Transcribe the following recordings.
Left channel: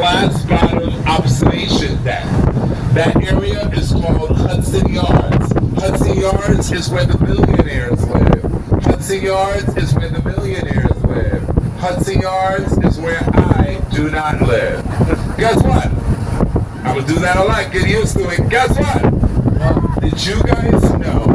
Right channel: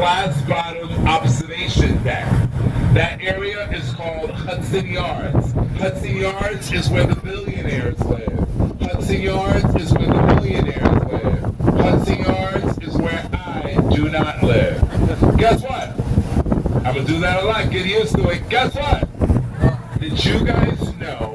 glass bottom observation deck. That area is called Hudson Yards. Hudson Yards is where the billionaires live. Hudson Yards is where the millionaires live. Hudson Yards is where I do not live. Guess what? I'm going to do that a lot. Get used to it. Guess what? Did you guys know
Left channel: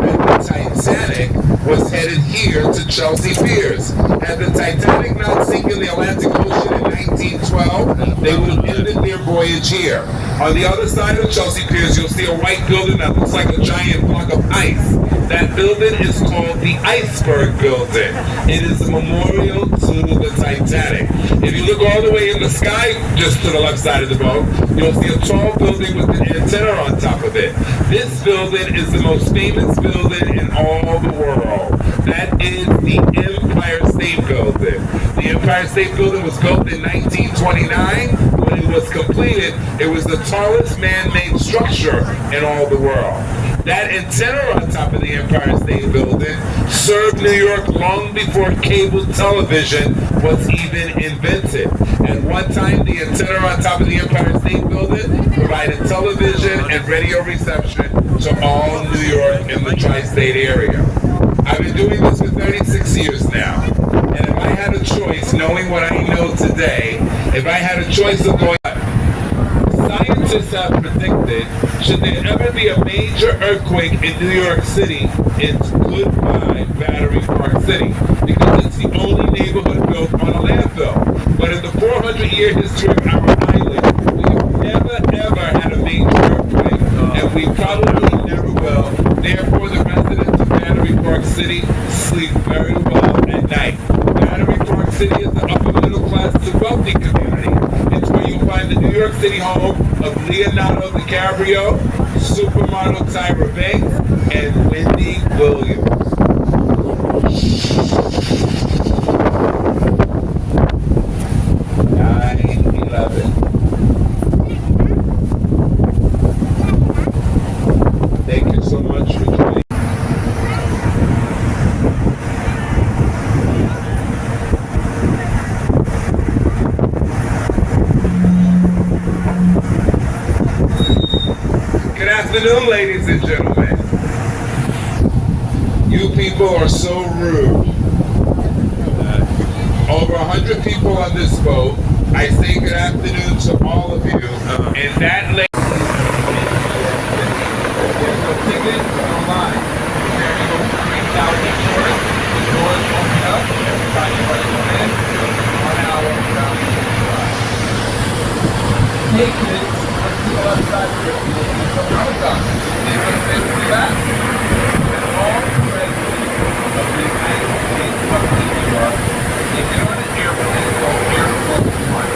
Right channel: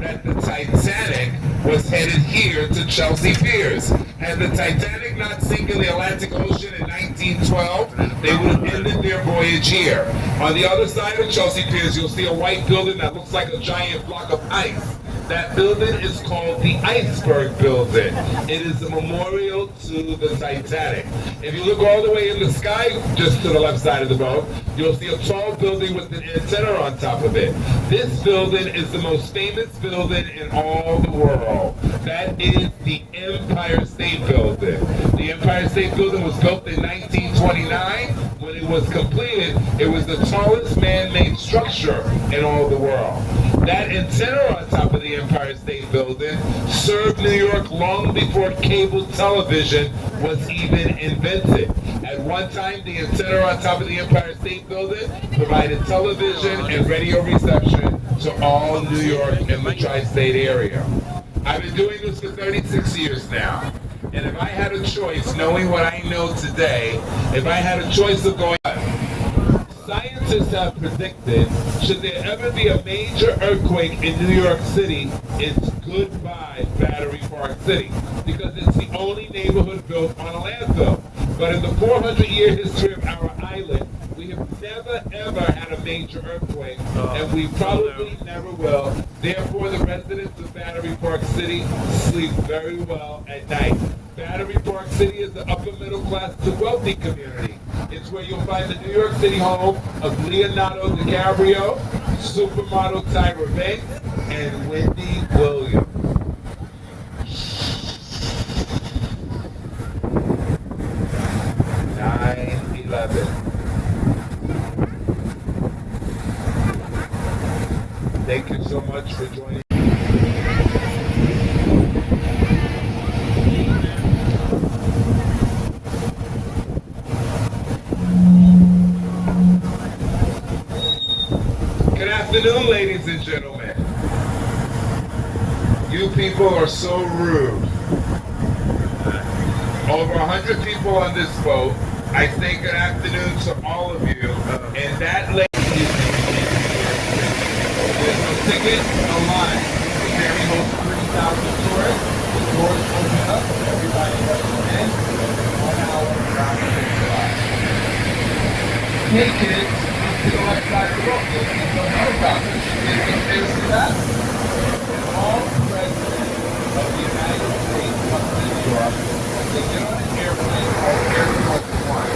that the Titanic was headed here to Chelsea Piers? And the Titanic not sink in the Atlantic Ocean in 1912, they would have ended their voyage here. On the other side of Chelsea Piers, you'll see a white building that looks like a giant block of ice. That building is called the Iceberg Building. It is a memorial to the Titanic. If you look all the way in the sky, just to the left side of the boat, you'll see a tall building with an antenna on top of it. This building is the most famous building in all the world. That is the Empire State Building. The Empire State Building was built in 1929. When it was completed, it was the tallest man-made structure in all the world. That antenna on top of the Empire State Building served New York long before cable television was even invented. At one time, the antenna on top of the Empire State Building provided television and radio reception to all New York and the tri-state area. I've been doing this for 36 years now. And if I had a choice, knowing what I know today, if I had a choice of going, scientists have predicted, should there ever be a major earthquake in New York City, it's goodbye Battery Park City, because it's the only neighborhood built on a landfill. But in the 400-year history of our island, we have never ever had a major earthquake, and we probably never will. Therefore, the residents of Battery Park City sleep very well at night. Battery Park City is the upper middle class to wealthy community. It's where you'll find the New York City home of Leonardo DiCaprio, supermodel Tyra Banks, and Wendy Williams. 9/11. Thank you so much for joining. Good afternoon, ladies and gentlemen. You people are so rude. Over 100 people on this boat. I say good afternoon to all of you. And that lady is there's no tickets, no line. Ferry holds 3,000 tourists. The doors open up. Everybody brings in. 1 hour around the ride. Hey kids, let's to the left side of the road. You'll see some helicopters. You see some famous events? And all presidents of the United States come to New York. They get on an airplane called Air Force One.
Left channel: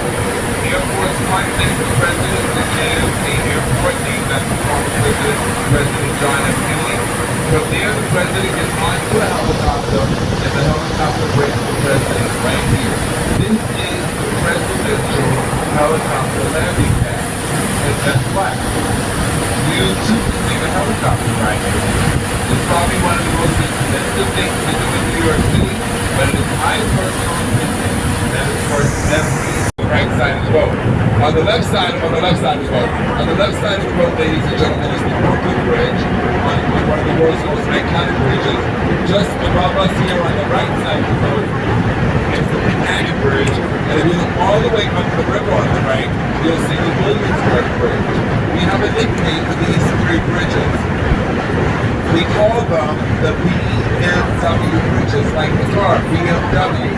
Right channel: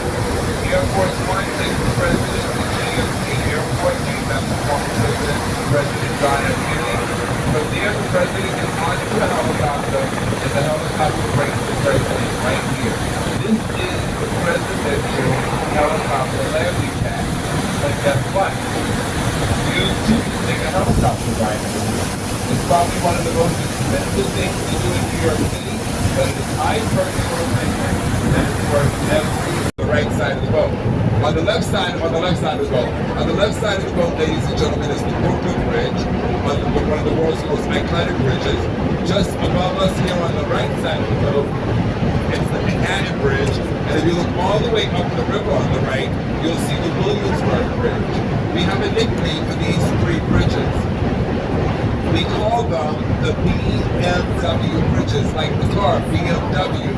Air Force One takes the president to JFK Airport, named after former President John F. Kennedy. From there, the president gets onto a helicopter, and the helicopter brings the president right here. This is the presidential helicopter landing pad. But guess what? You too can take a helicopter ride here. It's probably one of the most expensive things to do in New York City, but it is my personal opinion that it's worth every right side of the boat. On the left side of the boat. On the left side of the boat, ladies and gentlemen, is the Brooklyn Bridge, one of the world's most iconic bridges. Just above us here on the right side of the boat is the Manhattan Bridge. And if you look all the way up the river on the right, you'll see the Williamsburg Bridge. We have a nickname for these three bridges. We call them the BMW bridges, like the car, BMW.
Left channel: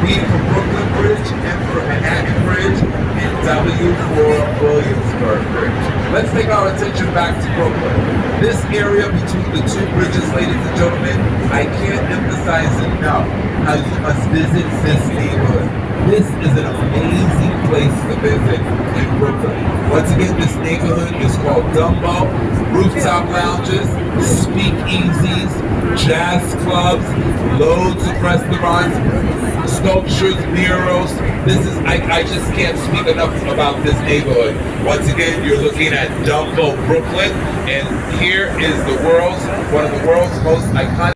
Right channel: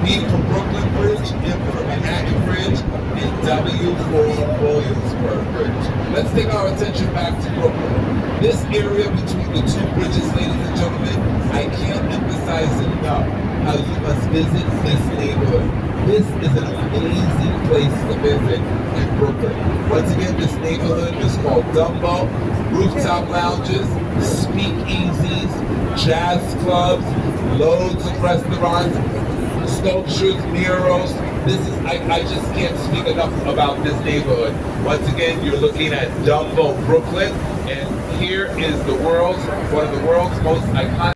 B for Brooklyn Bridge, M for Manhattan Bridge, and W for Williamsburg Bridge. Let's take our attention back to Brooklyn. This area between the two bridges, ladies and gentlemen, I can't emphasize enough how you must visit this neighborhood. This is an amazing place to visit in Brooklyn. Once again, this neighborhood is called Dumbo. Rooftop lounges, speakeasies, jazz clubs, loads of restaurants, sculptures, murals. I just can't speak enough about this neighborhood. Once again, you're looking at Dumbo, Brooklyn, and here is one of the world's most iconic